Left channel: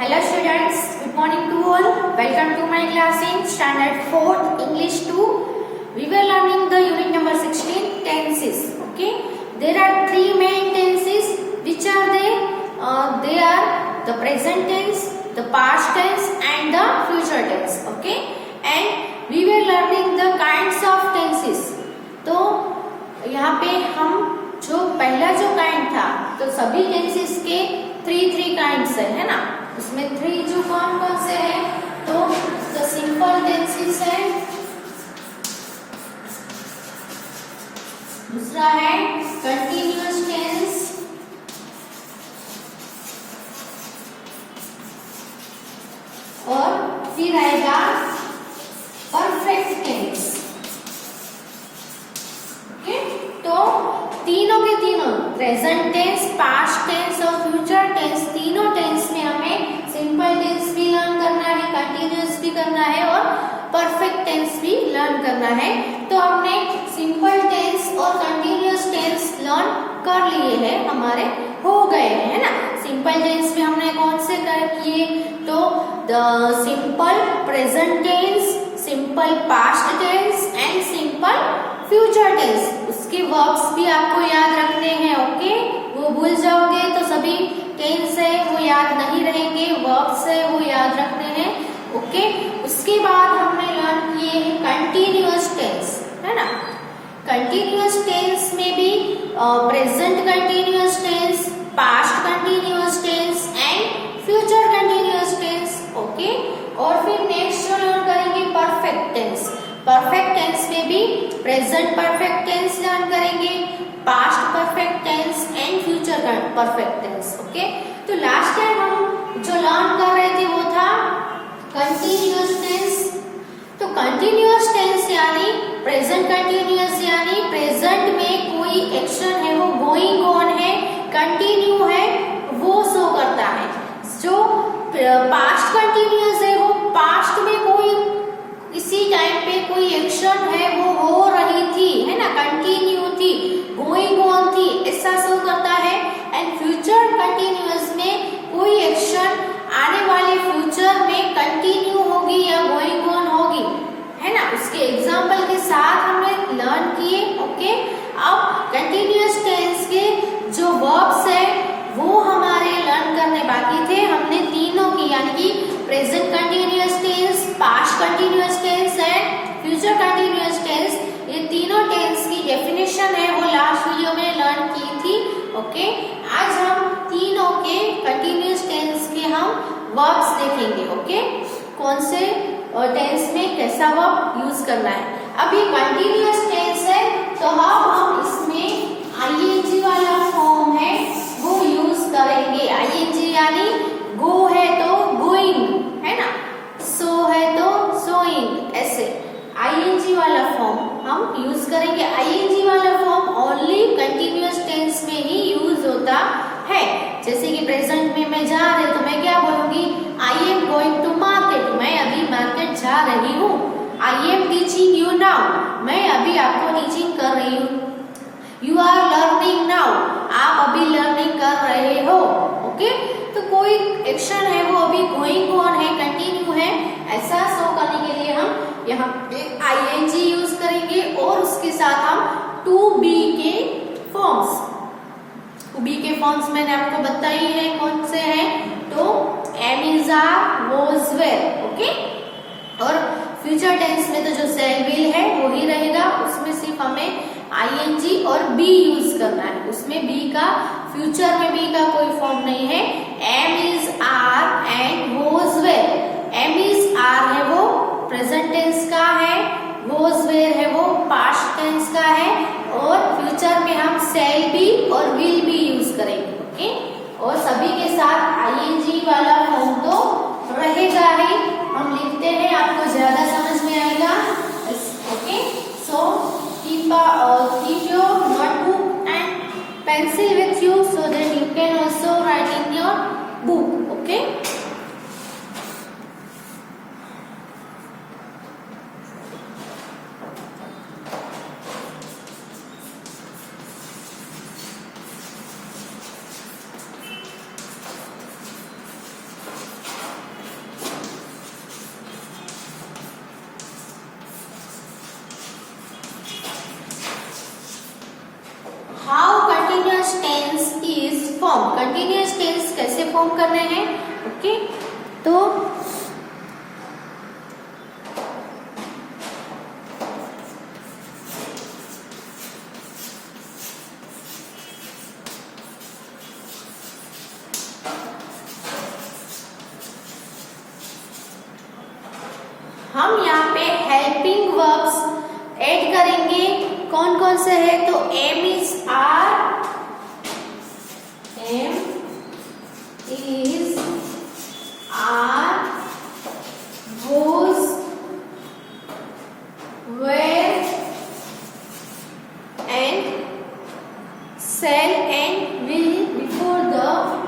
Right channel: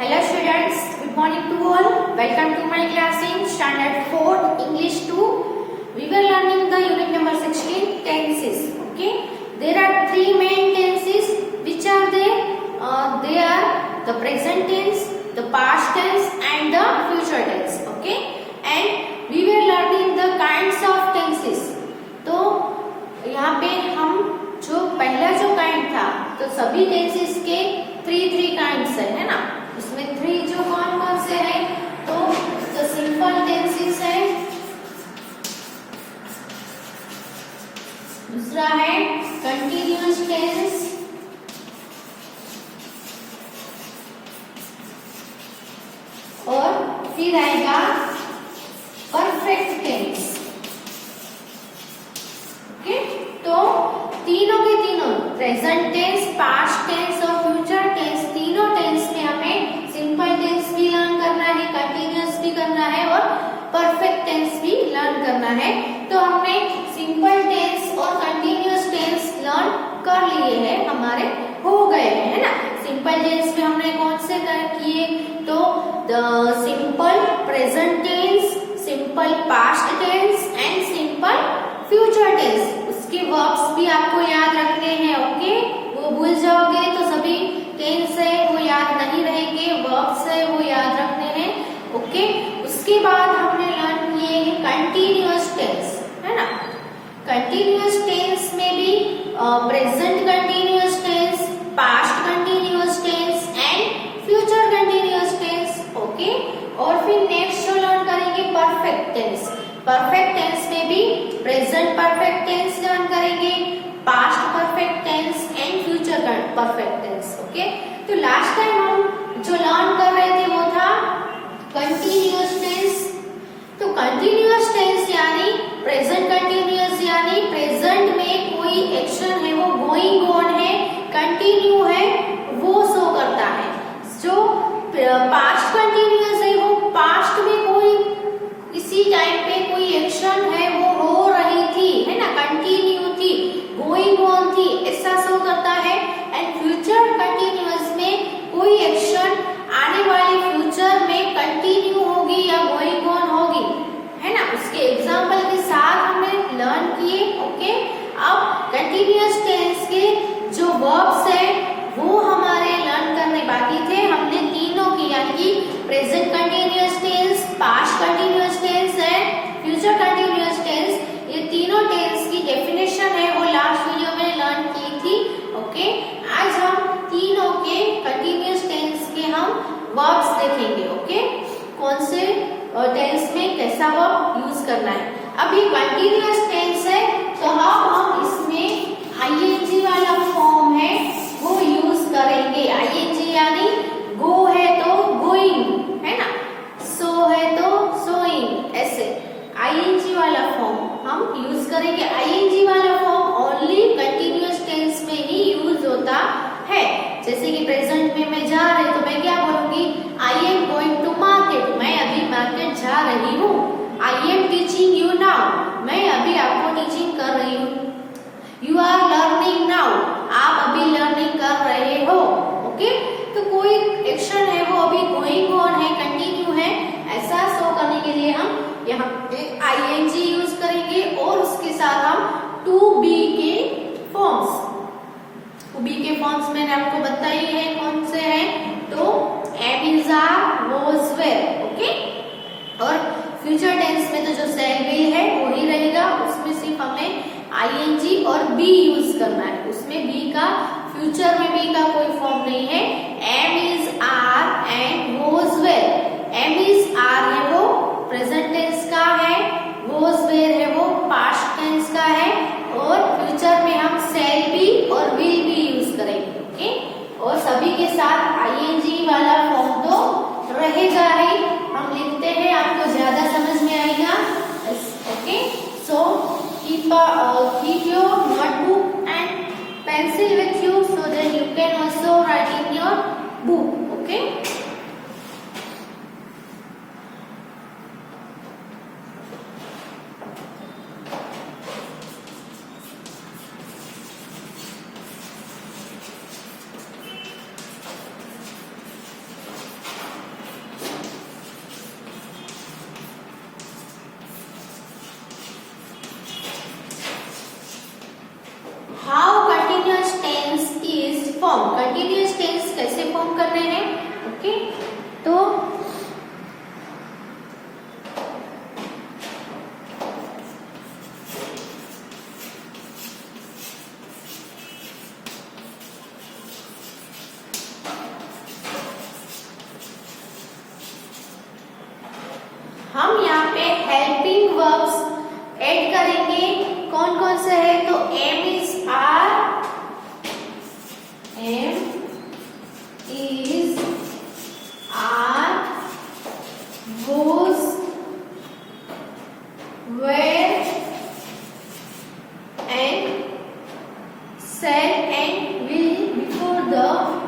Hello students, good morning to all. Welcome to my class in standard 4th English 2. We were learning the unit number 16 tenses. Okay, there are three main tenses. Which are they? They are the present tense, the past tense and the future tense. Okay, and we were learning the kinds of tenses. तो यहाँ पे हम जो पहला जो kind था, तो सभी टेंसेस के थ्री काइंड्स है ना। इसमें थ्री जो कौन कौन से हैं, तो द सिंपल टेंसेस है, दूसरा है कंटिन्यूअस टेंस, और फिर आएगा परफेक्ट टेंस। ओके, तो तीनों के तीनों प्रेजेंट टेंस, पास्ट टेंस और फ्यूचर टेंस, तीनों टेंस में हमें सिंपल टेंस भी लर्न करना है, कंटिन्यूअस भी करना है और परफेक्ट टेंस भी लर्न करना है। तो हमने सिंपल टेंस और कंटिन्यूअस टेंस लर्न कर लिए हैं, हमारे हो गए है ना। सिंपल टेंस में हमने कौन से किए, तो the simple present tense, simple past tense and simple future tense. उसके वर्ब्स भी आपको याद रखने हैं। ओके, वो भूल जाओगे तो सभी टेंस है वो याद नहीं रहेंगे, वर्ब्स है वो याद रखने हैं। ओके, उसके बाद हमने लर्न किए हैं कंटिन्यूअस टेंस, है ना। कंटिन्यूअस टेंस में भी present continuous tense, past continuous tense and future continuous tense. Okay, और फिर नेक्स्ट जो लर्न करेंगे परफेक्ट टेंस। परफेक्ट टेंस में भी प्रेजेंट परफेक्ट टेंस लर्न करेंगे, past perfect tense and future perfect tense. Okay, तो लास्ट टाइम हम जो लर्न कर रहे थे वो था कंटिन्यूअस टेंस। तो कंटिन्यूअस टेंस यानी प्रेजेंट कंटिन्यूअस, यानी प्रेजेंट में कोई एक्शन है वो गोइंग ऑन है, कंटिन्यू है, वो शो करता है। जो पास्ट कंटिन्यूअस है वो पास्ट में कोई इसी टाइम पे कोई एक्शन है वो हो रही थी, है ना, कंटिन्यू थी, गोइंग ऑन थी, ऐसा शो करता है। एंड फ्यूचर कंटिन्यूअस में कोई एक्शन आने वाले फ्यूचर में कंटिन्यू होगी या गोइंग ऑन होगी, है ना। उसके एग्जांपल के साथ हमने लर्न किए। ओके, अब कंटिन्यूअस टेंस के जो वर्ब्स है वो हमारे लर्न करने बाकी थे। हमने तीनों की यानी कि present continuous tense, past continuous tense and future continuous tense, ये तीनों टेंस की डेफिनेशन है वो लास्ट वीडियो में लर्न की थी। ओके, आज हम तीनों के कंटिन्यूअस टेंस के हम वर्ब्स देखेंगे। ओके, कौन से टेंस में कैसा वर्ब यूज करना है। अब ये कंटिन्यूअस टेंस है तो हम इसमें आईएनजी वाला फॉर्म है वो यूज करेंगे। आईएनजी यानी गो है तो गोइंग, है ना, सो है तो सोइंग, ऐसे आईएनजी वाला फॉर्म हम यूज करेंगे। आईएनजी वाला फॉर्म ओनली कंटिन्यूअस टेंस में ही यूज होता है। जैसे कि प्रेजेंट में मैं जा रही तो मैं क्या बोलूंगी, I am going to market, मैं अभी मार्केट जा रही हूँ। I am teaching you now, मैं अभी आपको टीचिंग कर रही हूँ। यू आर लर्निंग नाउ, आप अभी लर्निंग कर रहे हो। ओके, तो कोई एक्शन है वो अभी गोइंग ऑन है, कंटिन्यू है, ऐसा शो करने के लिए हम यहाँ पे आईएनजी यूज करेंगे। और उसके साथ हम टू बी के फॉर्म्स, टू बी के फॉर्म्स मैंने आपको बताई है कौन से हैं, तो am is, are, was, were. Okay, और फ्यूचर टेंस में तो जो सेल विल है वो ही रहेगा, उसमें सिर्फ हमें आईएनजी और बी यूज करना है। उसमें बी का, फ्यूचर में बी का कोई फॉर्म नहीं है। Am is, are and was, were. Am is, are है वो प्रेजेंट टेंस का है, वॉज, वेर है वो पास्ट टेंस का है, और फ्यूचर में हम सेल बी और विल बी यूज करेंगे। ओके, और सभी के साथ आईएनजी वाला फॉर्म तो रहेगा ही। हम लिखते हैं, आपको ज्यादा समझ में आएगा। Okay, so keep your notebook and pencil with you so that you can also write in your book. Okay. Continuous tense कैसे फॉर्म करने हैं। ओके, तो हम यहाँ पे हेल्पिंग वर्ब्स ऐड करेंगे। कौन कौन से है, तो am is are, am is are, was, were and shall and will before the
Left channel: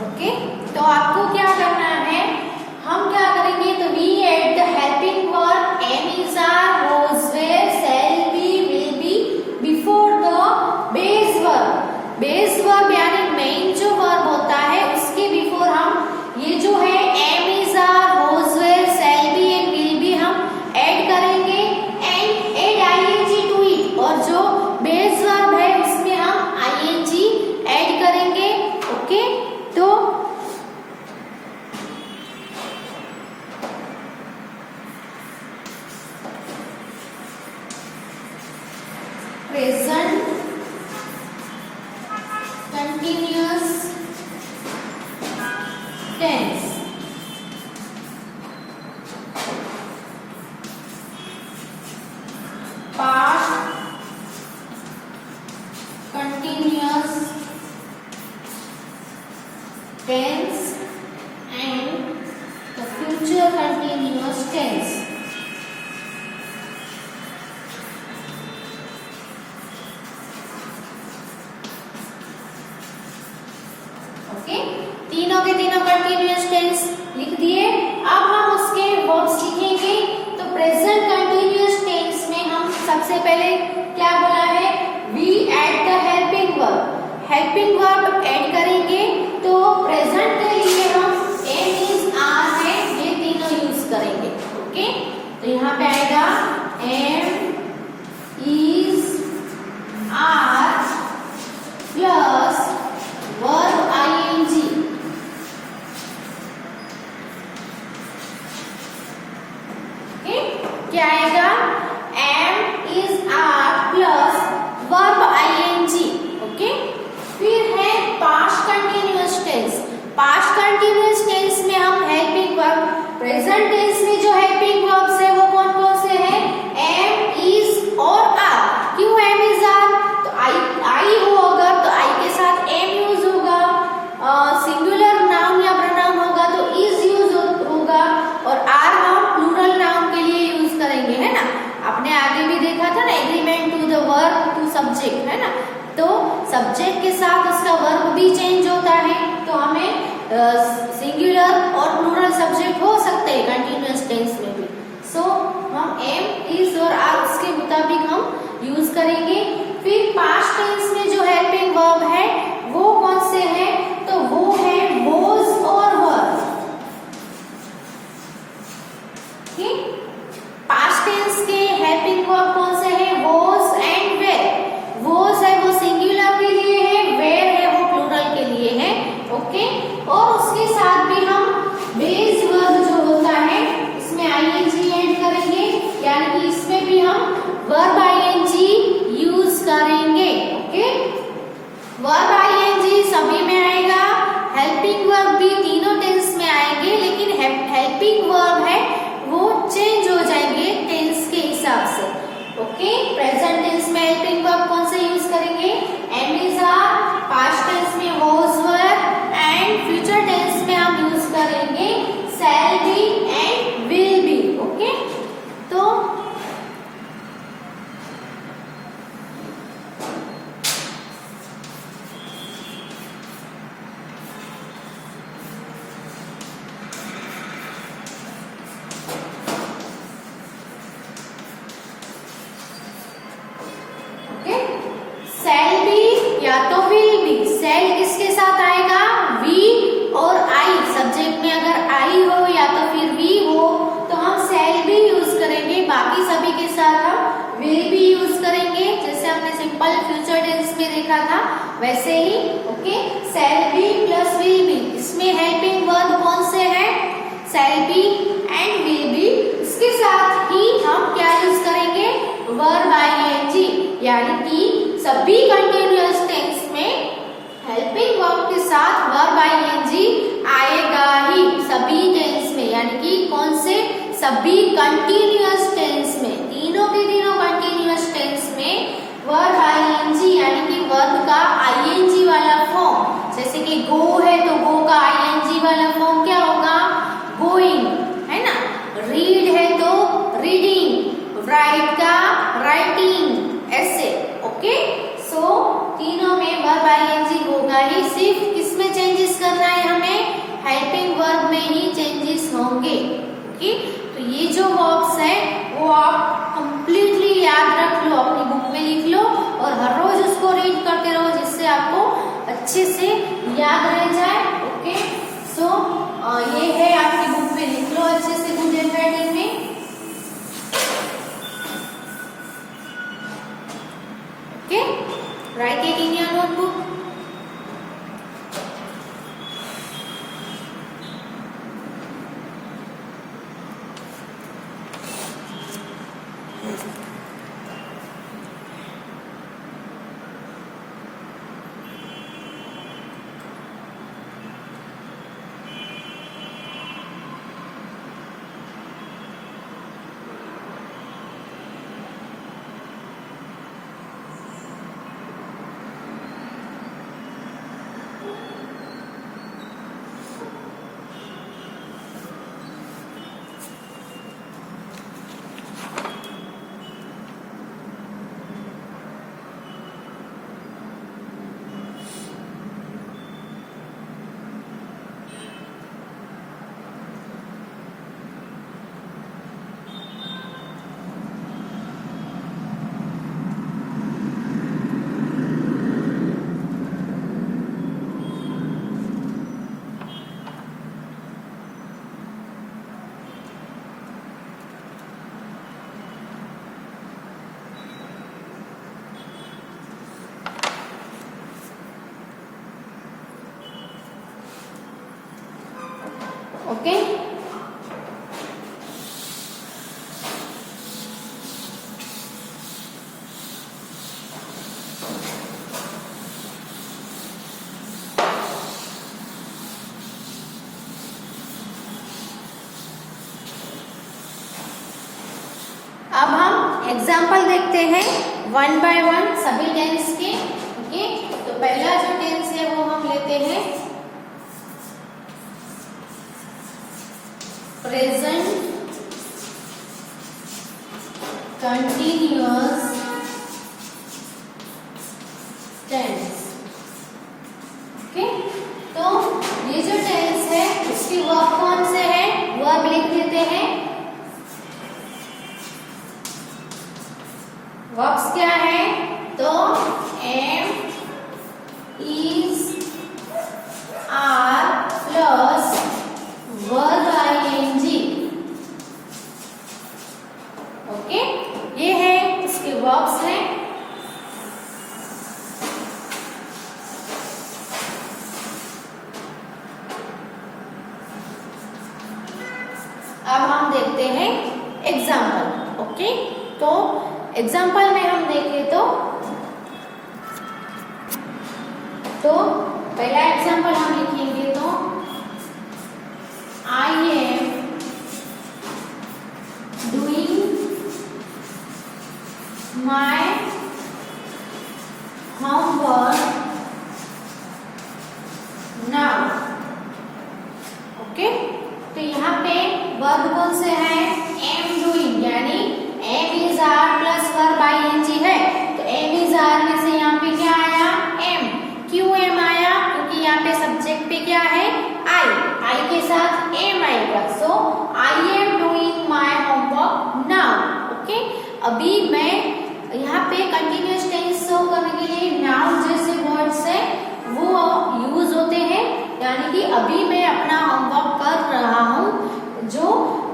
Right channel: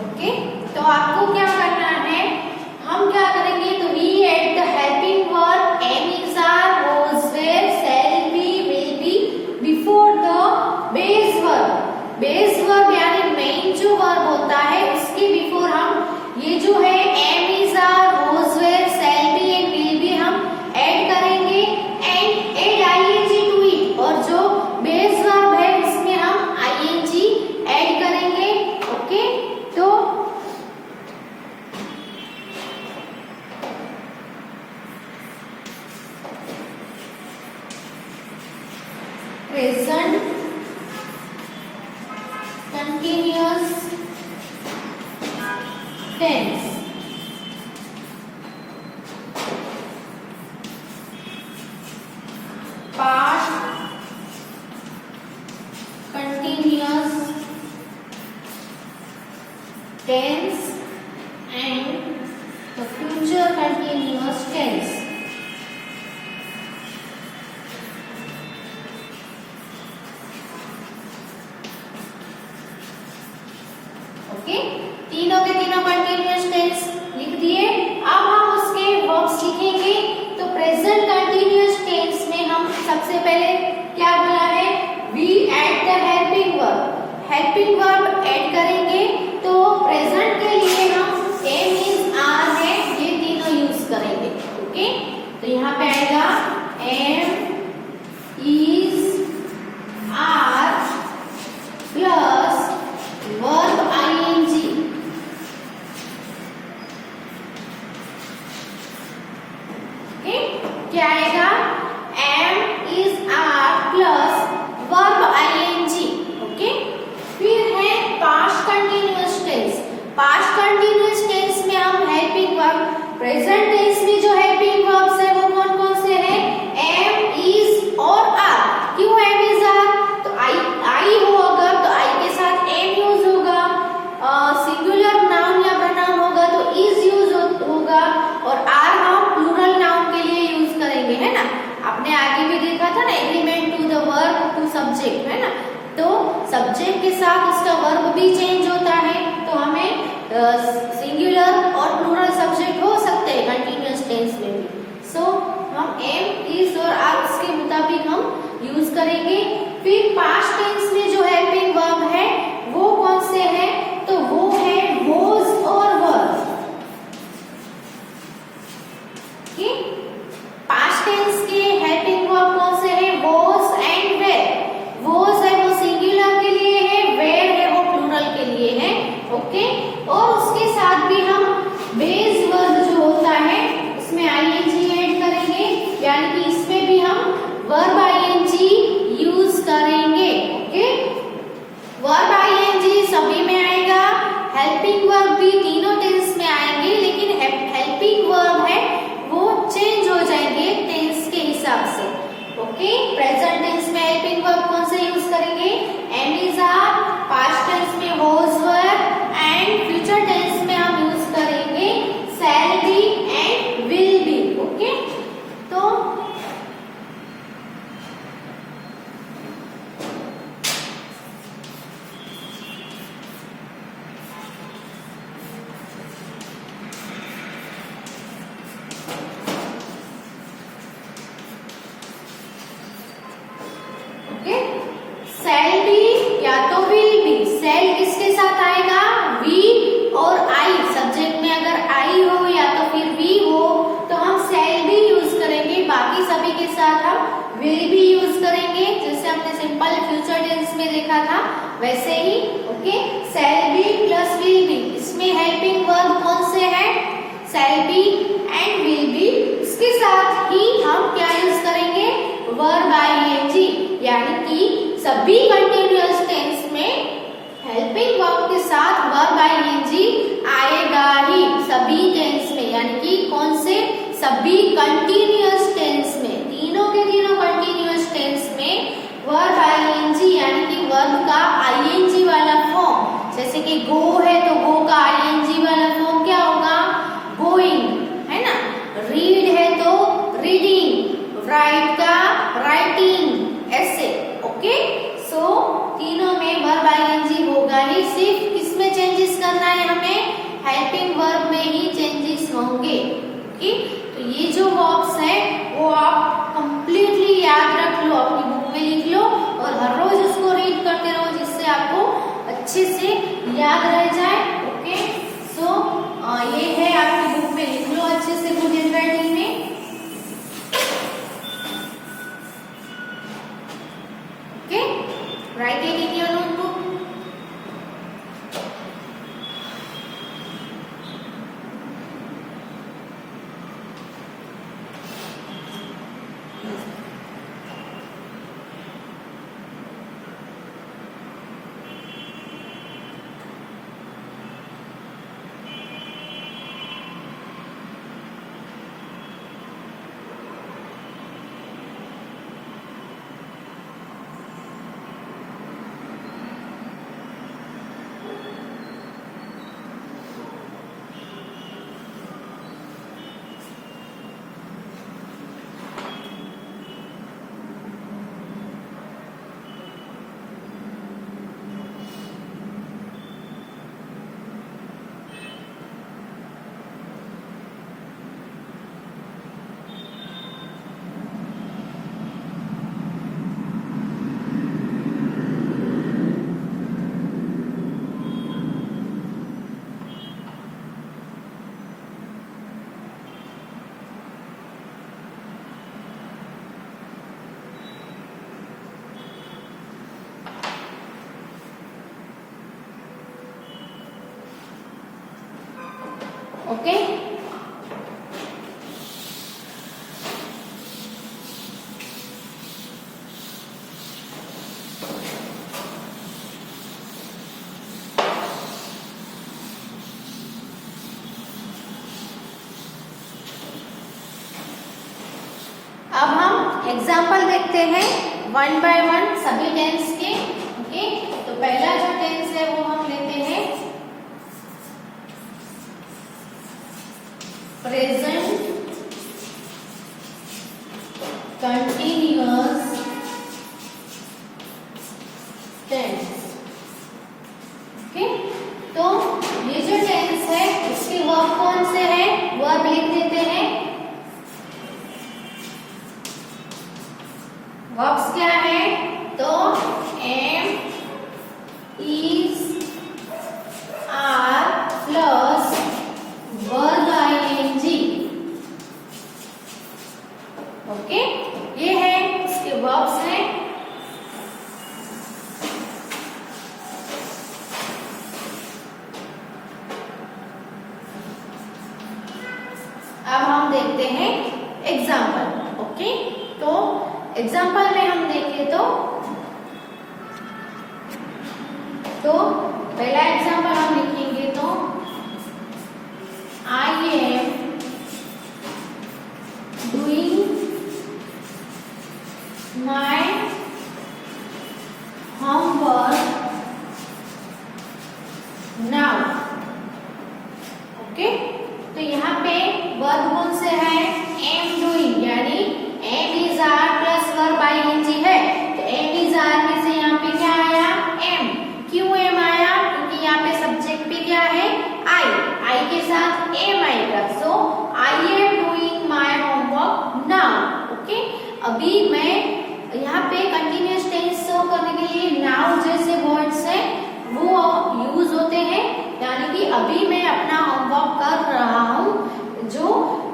okay, तो आपको क्या करना है, हम क्या करेंगे, तो we add the helping verb am is are, was, were, shall be, will be before the base verb. Base verb यानी मेन जो वर्ब होता है उसके बिफोर हम ये जो है am is are, was, were, shall be and will B हम ऐड करेंगे and add ING to it, और जो बेस वर्ब है उसमें हम आईएनजी ऐड करेंगे। ओके, तो present continuous tense, past continuous tense and the future continuous tense. Okay, तीनों के तीनों कंटिन्यूअस टेंस लिख दिए। अब हम उसके वर्ब्स लिखेंगे। तो प्रेजेंट कंटिन्यूअस टेंस में हम सबसे पहले क्या बोला है, we add the helping verb, helping verb add करेंगे। तो प्रेजेंट के लिए हम एम इज आर है, ये तीनों यूज करेंगे। ओके, तो यहाँ पे आएगा am is are plus verb ING, okay, क्या आएगा, am is are plus verb ING. Okay, फिर है past continuous tense. Past continuous tense में हम हेल्पिंग वर्ब, प्रेजेंट टेंस में जो हेल्पिंग वर्ब्स है वो कौन कौन से हैं, एम, इज और आर। क्यों एम इज आर, तो आई हो अगर तो आई के साथ एम यूज होगा, सिंगुलर नाउन या प्रोनाउन होगा तो इज यूज होगा, और आर हम प्लूरल नाउन के लिए यूज करेंगे, है ना। आपने आगे भी देखा था ना, agreement to the verb to subject, है ना। तो सब्जेक्ट के साथ उसका वर्ब भी चेंज होता है, तो हमें सिंगुलर और प्लूरल सब्जेक्ट हो सकते हैं कंटिन्यूअस टेंस में भी। सो हम एम, इज और आर उसके मुताबिक हम यूज करेंगे। फिर पास्ट टेंस में जो हेल्पिंग वर्ब है वो कौन से हैं, तो वो है वोज और वर। पास्ट टेंस के हेल्पिंग वर्ब कौन से हैं, वोज एंड वेर। वोज है वो सिंगुलर के लिए है, वेर है वो प्लूरल के लिए है। ओके, और उसके साथ भी हम बेस वर्ब जो होता है उसमें आईएनजी ऐड करेंगे, यानी कि इसमें भी हम वर्ब आईएनजी यूज करेंगे। ओके, वर्ब आईएनजी सभी में आएगा, हेल्पिंग वर्ब भी तीनों टेंस में आएंगे, लेकिन हेल्पिंग वर्ब है वो चेंज हो जाएंगे टेंस के हिसाब से। ओके, प्रेजेंट टेंस में हेल्पिंग वर्ब कौन से यूज करेंगे, am is are, past tense में was were and future tense में हम यूज करेंगे shall be and will be. Okay, तो शैल बी या तो विल बी। शैल किसके साथ आएगा? वी और आई। सब्जेक्ट में अगर आई हो या तो फिर वी हो तो हम शैल बी यूज करेंगे, बाकी सभी के साथ हम विल बी यूज करेंगे, जैसे हमने सिंपल फ्यूचर टेंस में देखा था वैसे ही। Okay, shall be plus will be, इसमें हेल्पिंग वर्ब कौन से हैं? Shall be and will be. इसके साथ ही हम क्या यूज करेंगे? वर्ब आईएनजी, यानी कि सभी कंटिन्यूअस टेंस में हेल्पिंग वर्ब के साथ वर्ब आईएनजी आएगा ही, सभी टेंस में। यानी कि कौन से? सभी कंटिन्यूअस टेंस में, तीनों के तीनों कंटिन्यूअस टेंस में वर्ब आईएनजी यानी कि वर्ब का आईएनजी वाला फॉर्म, जैसे कि गो है तो गो का आईएनजी वाला फॉर्म क्या होगा? गोइंग, है ना। रीड है तो रीडिंग, राइट का राइटिंग, ऐसे। ओके, सो तीनों में वर्ब आईएनजी होगा ही, सिर्फ किसमें चेंजेस करना है हमें? हेल्पिंग वर्ब में ही चेंजेस होंगे। ओके, तो ये जो वर्ब्स है वो आप कंप्लीटली याद रख लो, अपनी बुक में लिख लो और हर रोज उसको रीड करते रहो, जिससे आपको अच्छे से याद रह जाए। ओके, सो ये है आपकी बुक में, लिख लो अच्छे से गुड हैंडराइटिंग में। Okay, right it in your notebook. Okay, अब हम एग्जाम्पल देखते हैं वन बाय वन सभी टेंस के। ओके, तो पहला जो टेंस है वो हम लेते हैं प्रेजेंट कंटिन्यूअस टेंस। ओके, तो ये जो टेंस है इसकी वर्ब कौन से है? वर्ब लिख देते हैं। वर्ब्स क्या है? तो am, is, are plus verb ING. Okay, ये है इसके वर्ब्स हैं। अब हम देखते हैं एग्जाम्पल। ओके, तो एग्जाम्पल में हम देखें तो पहला एग्जाम्पल हम लिखेंगे तो I am doing my homework now. Verb कौन से है, एम डूइंग, यानी am is are plus verb ING है, तो एम इज आर में से यहाँ पे क्या आया, एम। क्यों एम आया, क्योंकि यहाँ पे सब्जेक्ट पे क्या है, आई के साथ एम आएगा। So I am doing my homework now. Okay, अभी मैं यहाँ पे कंटिन्यूअस टेंस शो करने के लिए नाउ जैसे वर्ड्स है वो यूज होते हैं, यानी कि अभी मैं अपना होमवर्क कर रहा हूँ। जो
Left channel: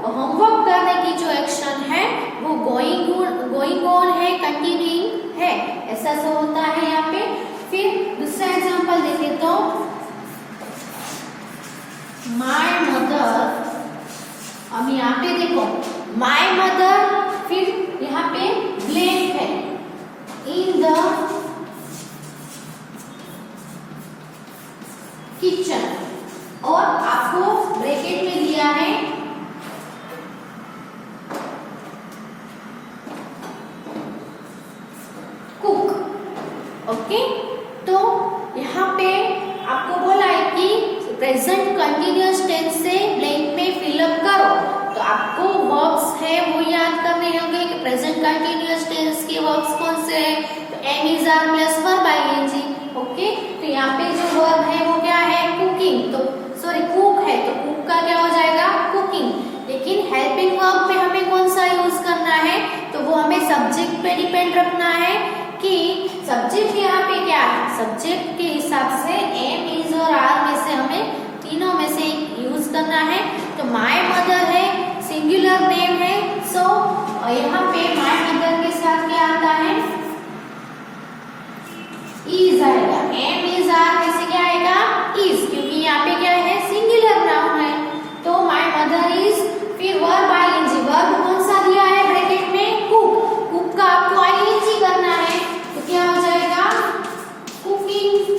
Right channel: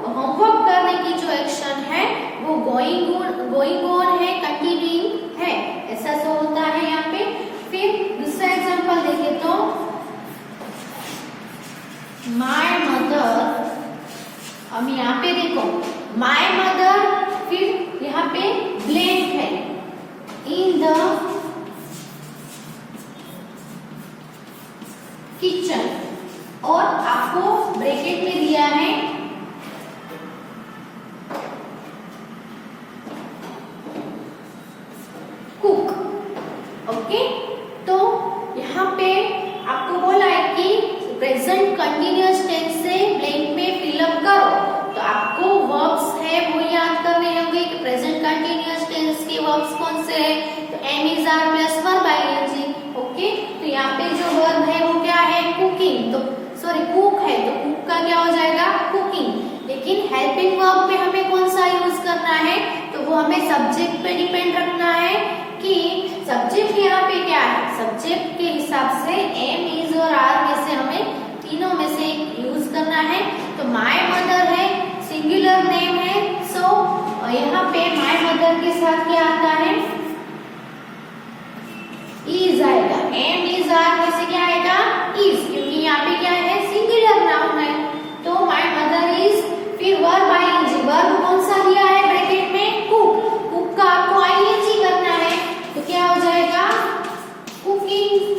होमवर्क करने की जो एक्शन है वो गोइंग ऑन है, कंटिन्यूइंग है, ऐसा सब होता है यहाँ पे। फिर दूसरा एग्जांपल देखें तो माय मदर, अब यहाँ पे देखो माय मदर, फिर यहाँ पे ब्लैंक है, इन द किचन, और आपको ब्रैकेट में दिया है कुक। ओके, तो यहाँ पे आपको बोला है कि प्रेजेंट कंटिन्यूअस टेंस से ब्लैंक में फिलअप करो, तो आपको वर्ब्स है वो याद करने होंगे कि प्रेजेंट कंटिन्यूअस टेंस के वर्ब्स कौन से हैं, तो am is are plus verb ING. Okay, तो यहाँ पे जो वर्ब है वो क्या है, कुकिंग, तो सॉरी कुक है, तो कुक का क्या हो जाएगा, कुकिंग। लेकिन हेल्पिंग वर्ब में हमें कौन सा यूज करना है, तो वो हमें सब्जेक्ट पे डिपेंड रखना है कि सब्जेक्ट यहाँ पे क्या है, सब्जेक्ट के हिसाब से एम इज और आर में से हमें तीनों में से यूज करना है। तो माय मदर है, सिंगुलर नेम है, सो यहाँ पे माय मदर के साथ क्या आता है, इज आएगा। एम इज आर में से क्या आएगा, इज, क्योंकि यहाँ पे क्या है, सिंगुलर नाउन है। तो माय मदर इज, फिर वर्ब आईएनजी, वर्ब कौन सा दिया है ब्रैकेट में, कुक, कुक का आपको आईएनजी करना है, तो क्या हो जाएगा, कुकिंग,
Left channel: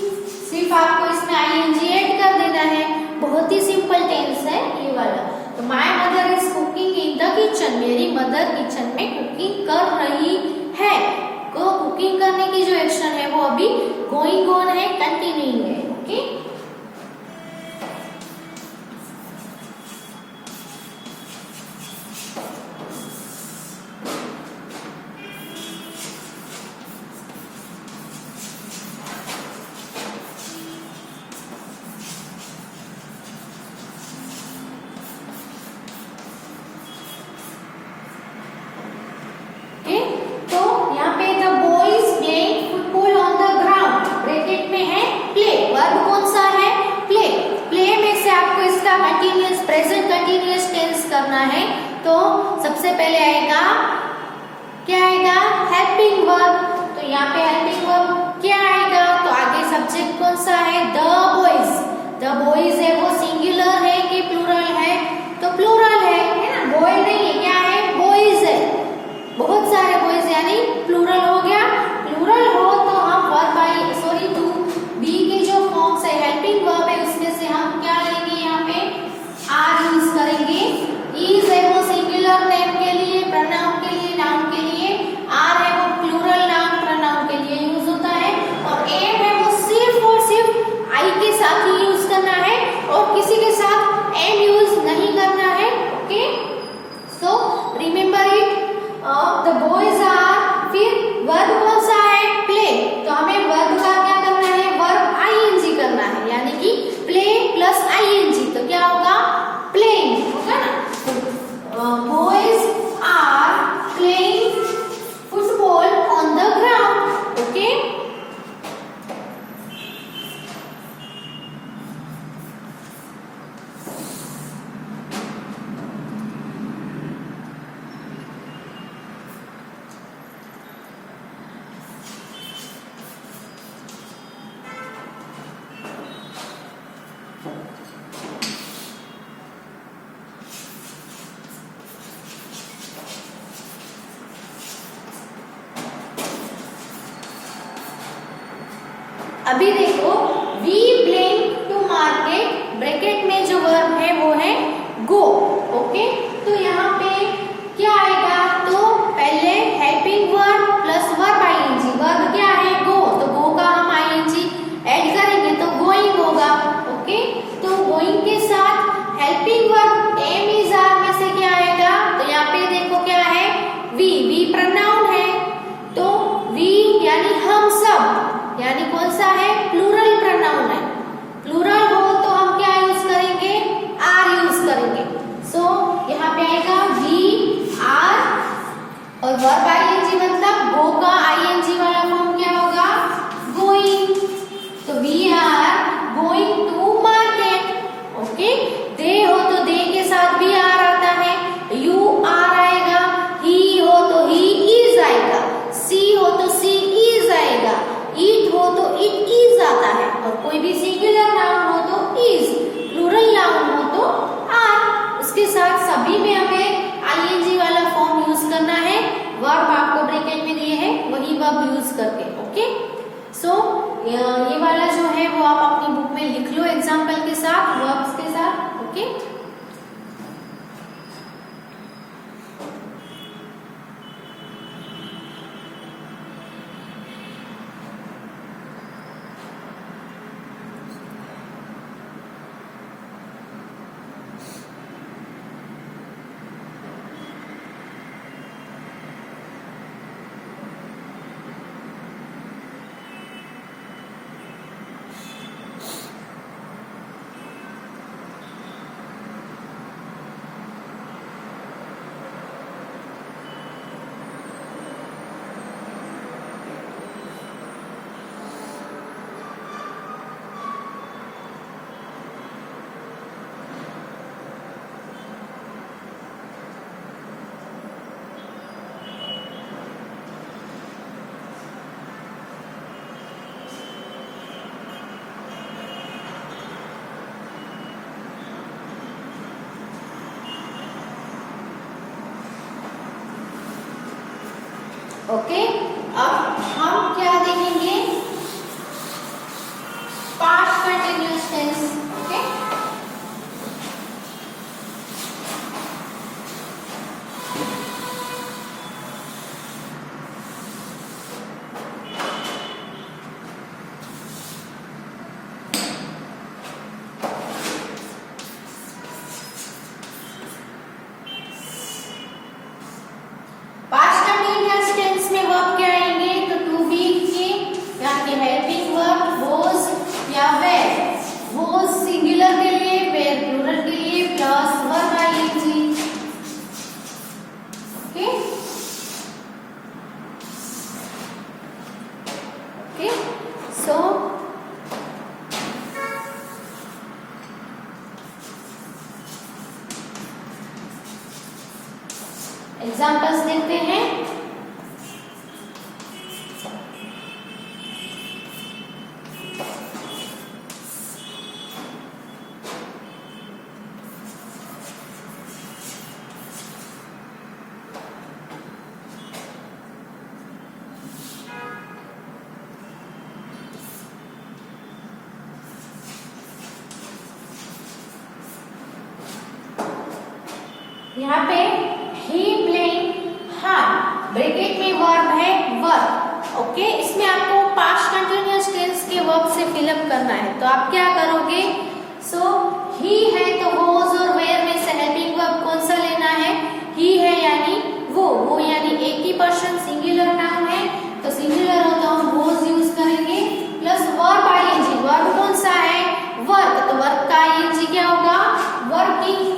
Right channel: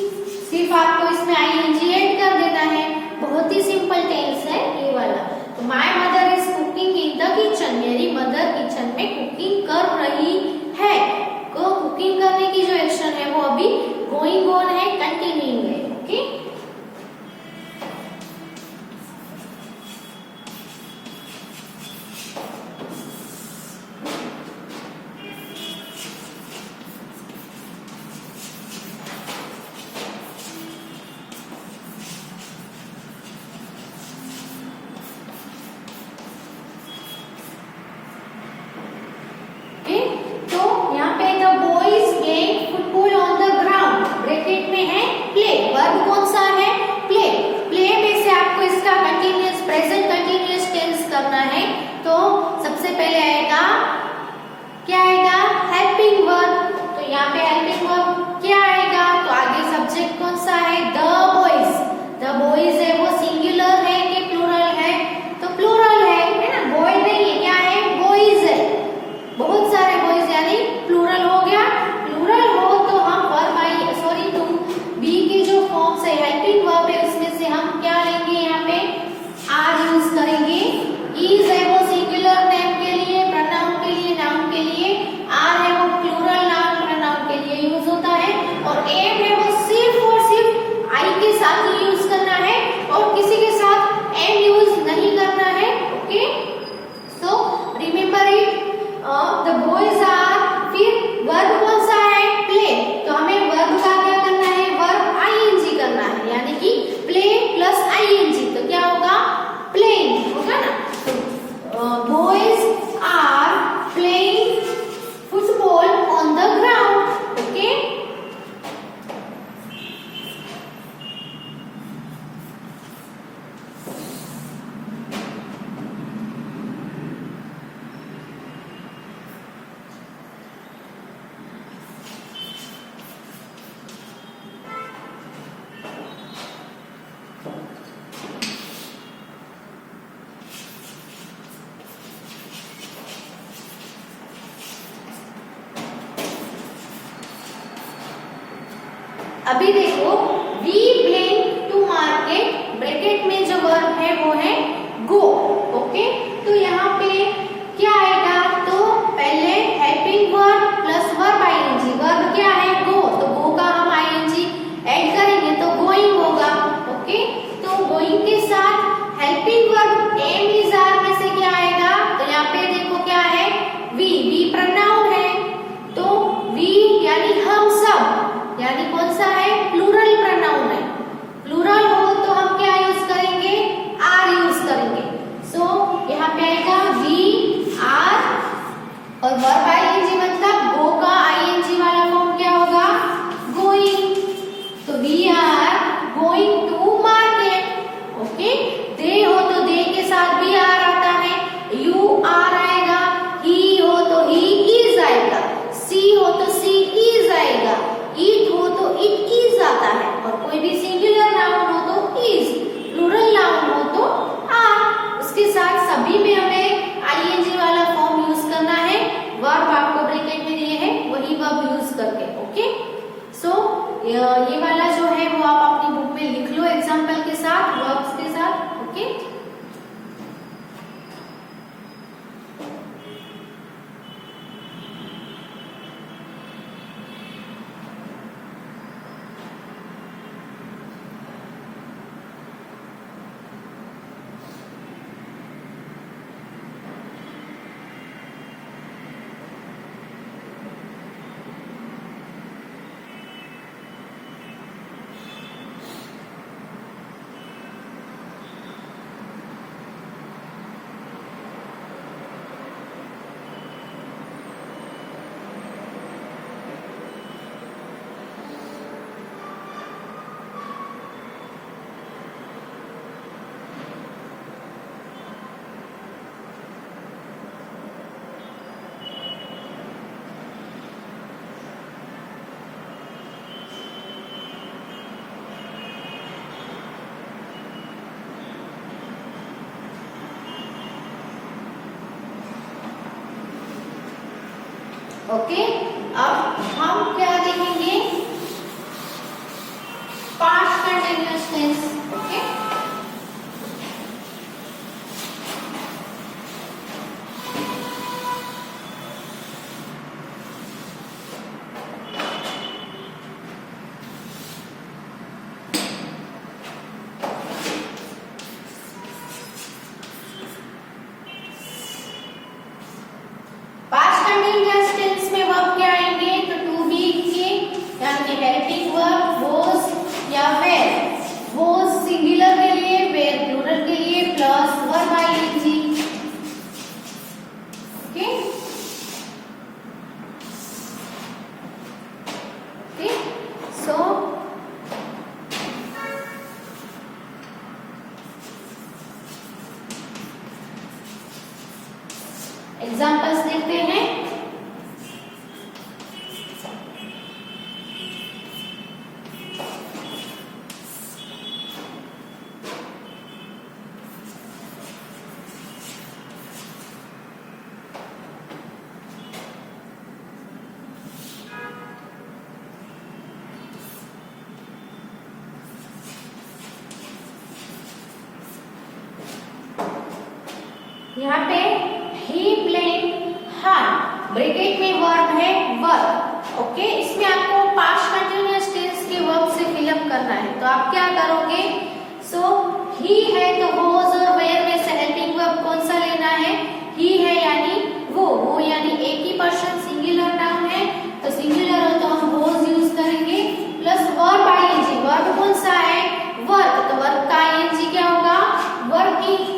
सिर्फ आपको इसमें आईएनजी ऐड कर देना है। बहुत ही सिंपल टेंस है ये वाला। तो my mother is cooking in the kitchen, मेरी मदर किचन में कुकिंग कर रही है। तो कुकिंग करने की जो एक्शन है वो अभी गोइंग ऑन है, कंटिन्यूइंग है। Okay, continuous present continuous tense करना है। तो सबसे पहले आएगा, क्या आएगा, हेल्पिंग वर्ब। तो यहाँ पे हेल्पिंग वर्ब क्या आएगा, तो आगे सब्जेक्ट कौन सा है, द बॉयज। द बॉयज है वो सिंगुलर है कि प्लूरल है, तो प्लूरल है ना, बॉय नहीं है, क्या है, बॉयज है, बहुत सारे बॉयज, यानी प्लूरल हो गया। प्लूरल हो तो हम verb I sorry to be के जो फॉर्म्स है हेल्पिंग वर्ब है उसमें से हम क्या लेंगे, यहाँ पे आर यूज करेंगे। इज है वो सिंगुलर नेम के लिए, प्रोनाउन के लिए, नाउन के लिए, आर है वो प्लूरल नाउन प्रोनाउन के लिए यूज होता है, और एम है वो सिर्फ और सिर्फ आई के साथ ही यूज करना है और किसी के साथ एम यूज नहीं करना है। Okay, so remember it, the boys are, फिर वर्ब कौन सा है, प्ले, तो हमें वर्ब का क्या करना है, वर्ब आईएनजी करना है, यानी कि प्ले प्लस आईएनजी, तो क्या होगा, प्लेइंग होगा ना। Boys are playing football on the ground. Okay, अभी देखो, we blink to market, bracket में जो वर्ब है वो है गो। ओके, तो यहाँ पे क्या आएगा, तो पहले helping verb plus verb ING, verb क्या है, गो, तो गो का हम आईएनजी ऐड करेंगे तो गोइंग होगा। ओके, तो गोइंग के साथ helping verb am is are में से और वर्ब आईएनजी मतलब गो का आईएनजी वाला फॉर्म क्या होगा, गोइंग। तो we are going to market. Okay, they हो तो दे के साथ भी आर आता है, यू आर आएगा, ही हो तो ही इज आएगा, सी हो तो सी इज आएगा, इट हो तो इट इज आता है, और कोई भी सिंगुलर नाउन हो तो इज, प्लूरल नाउन हो तो आर। उसके साथ सभी में हमें आईएनजी वाला फॉर्म यूज करना है। वर्ब आपको ब्रैकेट में दिए हैं, वही वर्ब यूज करके। ओके, सो ये वाला जो है वो आप अपनी बुक में लिख लो एग्जाम्पल के साथ, वर्ब्स के साथ। ओके, ओके, अब हम क्या देखेंगे, past continuous tense. Okay, past continuous tense में वर्ब क्या आएंगे, तो टू बी के यानी हेल्पिंग वर्ब वाज या वेर। वाज सिंगुलर के लिए, वेर प्लूरल के लिए, plus verb ING. Okay, okay, so examples देखते हैं। यहाँ पे ही प्लेइंग हार्ड, ब्रैकेट में वर्ब है वर्ब। ओके, इसमें आपको पास्ट कंटिन्यूअस टेंस के वर्ब से फिलअप करना है। तो आप क्या करोगे, सो ही है तो वाज और वेयर में से हेल्पिंग वर्ब कौन सा लेना है, ही है यानी वो यानी एक ही पर्सन सिंगुलर नाउन है, तो सिंगुलर हो तो हम वाज यूज करेंगे, प्लस वर्ब आईएनजी। वर्ब कौन सा है, वर्क, तो वर्क का आईएनजी क्या होगा, वर्किंग।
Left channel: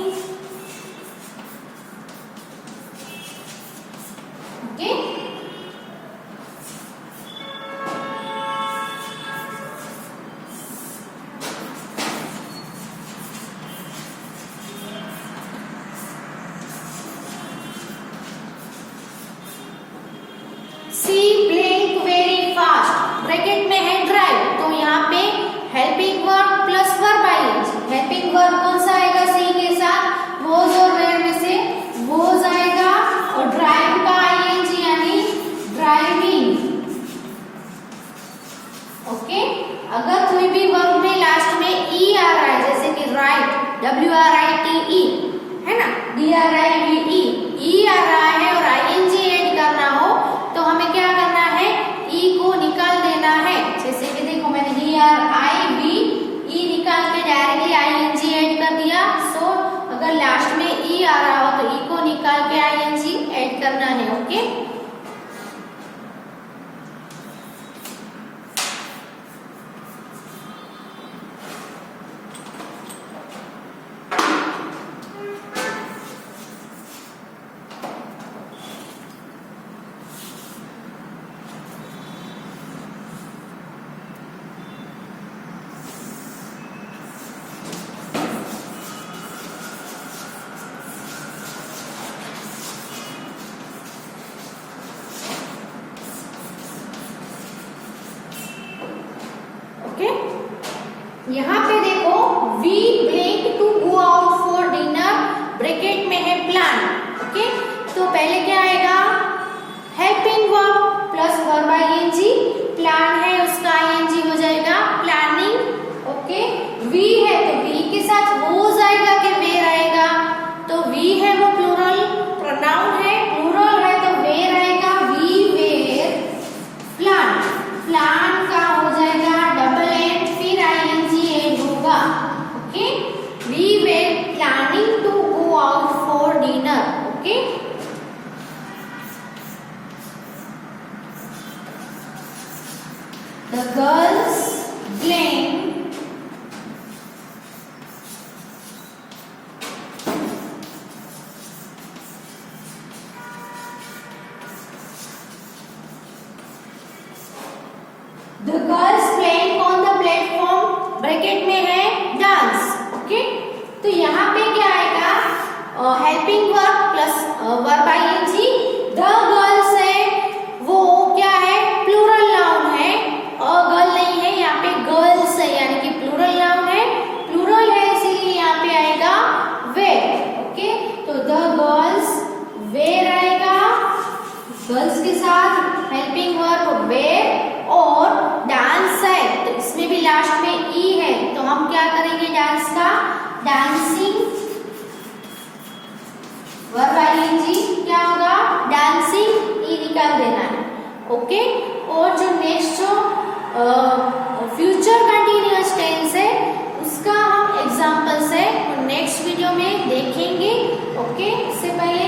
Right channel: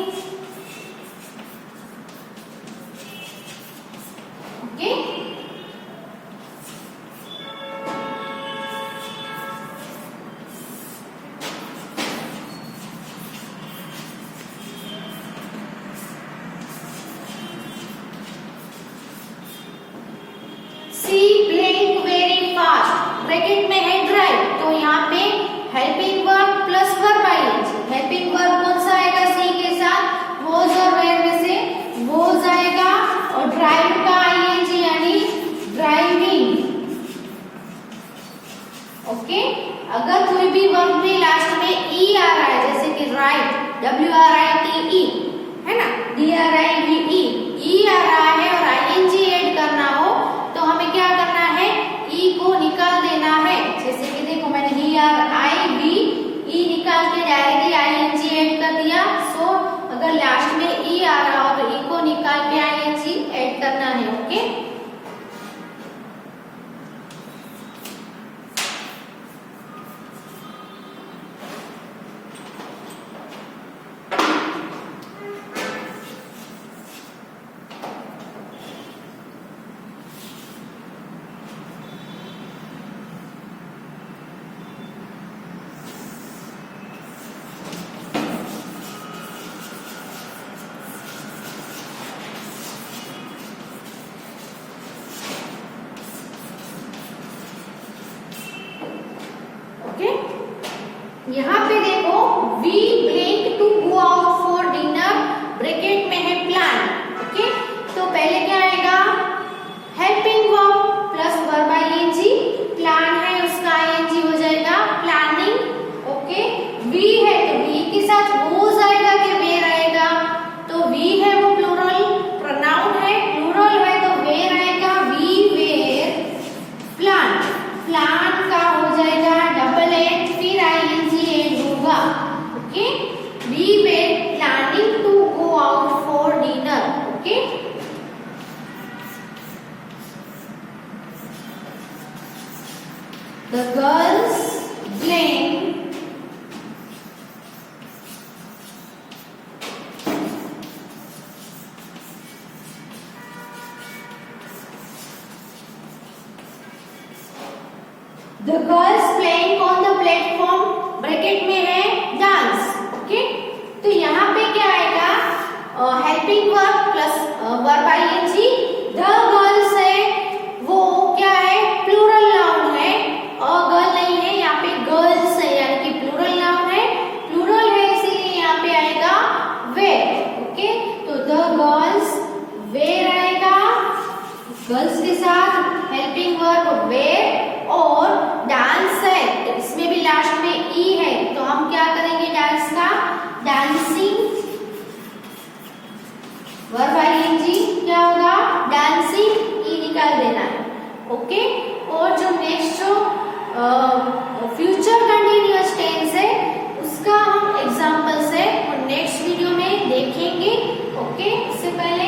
ओके, सी ब्लिंक वेरी फास्ट, ब्रैकेट में है ड्राइव, तो यहाँ पे हेल्पिंग वर्ब प्लस वर्ब आएगी। हेल्पिंग वर्ब कौन सा आएगा, सी के साथ वोज और वेयर में से वोज आएगा, और ड्राइव का आईएनजी यानी ड्राइविंग। ओके, अगर कोई भी वर्ब में लास्ट में ई आ रहा है, जैसे कि राइट, WRITE है ना, DRIVE, ई आ रहा है और आईएनजी ऐड करना हो तो हमें क्या करना है, ई को निकाल देना है। जैसे कि देखो मैंने DRIV ई निकाल के डायरेक्टली आईएनजी ऐड कर दिया। सो अगर लास्ट में ई आ रहा हो तो ई को निकाल के आईएनजी ऐड करना है। ओके, यहाँ पे देखो we plan to go out for dinner, bracket में है प्लान। ओके, तो पहले क्या आएगा, helping verb plus verb ING, plan है उसका आईएनजी हो जाएगा प्लानिंग। ओके, वी है तो वी के साथ वोज आएगा कि वेर आएगा, तो वी है वो प्लूरल प्रोनाउन है, प्लूरल है तो वेर आएगा, वी वेर प्लान। प्लान का हो जाएगा डबल एन, फिर आईएनजी एंड होगा। Okay, we were planning to go out for dinner. Okay, the girls playing on the platform, bracket में है डांस। ओके, तो यहाँ पे क्या आएगा, helping verb plus verb ING, the girls है वो क्या है, प्लूरल नाउन है, गर्ल नहीं है, यहाँ पे गर्ल्स है यानी कि प्लूरल नाउन है, प्लूरल है इसीलिए यहाँ पे आएगा वेर। ओके, तो द गर्ल्स वेर आएगा, गर्ल्स के साथ हेल्पिंग वर्ब वेर, और डांस है तो इसमें भी लास्ट में ई है, तो हम क्या करेंगे डांस का, डांसिंग वर्ब आईएनजी क्या होगा, डांसिंग, ई निकाल देना है। ओके, और जो नेक्स्ट जो फ्यूचर कंटिन्यूअस टेंस है उसका हम एग्जांपल्स है और नेक्स्ट वीडियो में देखेंगे। ओके, इससे पहले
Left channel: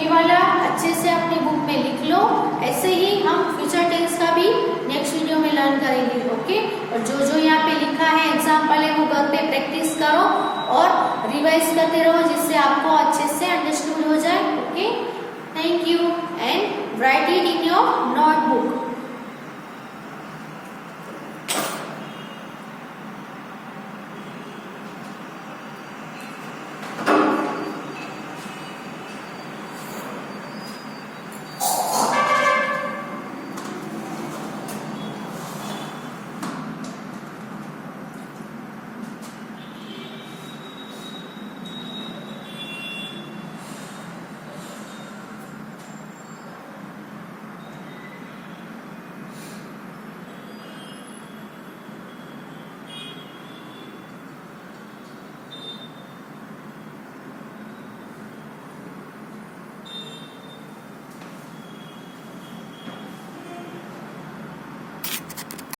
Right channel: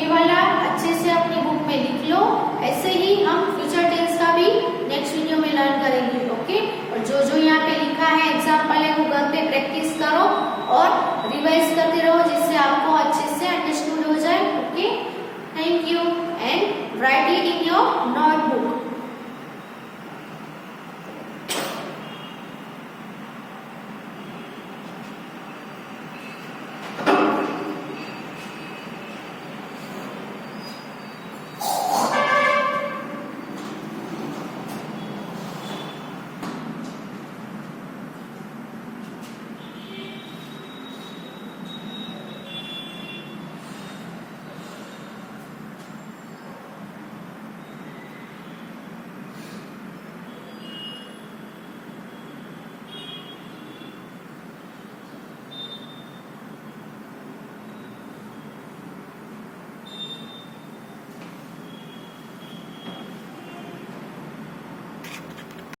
ये वाला अच्छे से अपने बुक में लिख लो, ऐसे ही हम फ्यूचर टेंस का भी नेक्स्ट वीडियो में लर्न करेंगे। ओके, और जो जो यहाँ पे लिखा है एग्जाम्पल है वो घर पे प्रैक्टिस करो और रिवाइज करते रहो जिससे आपको अच्छे से अंडरस्टूड हो जाए। Okay, thank you and right it in your note.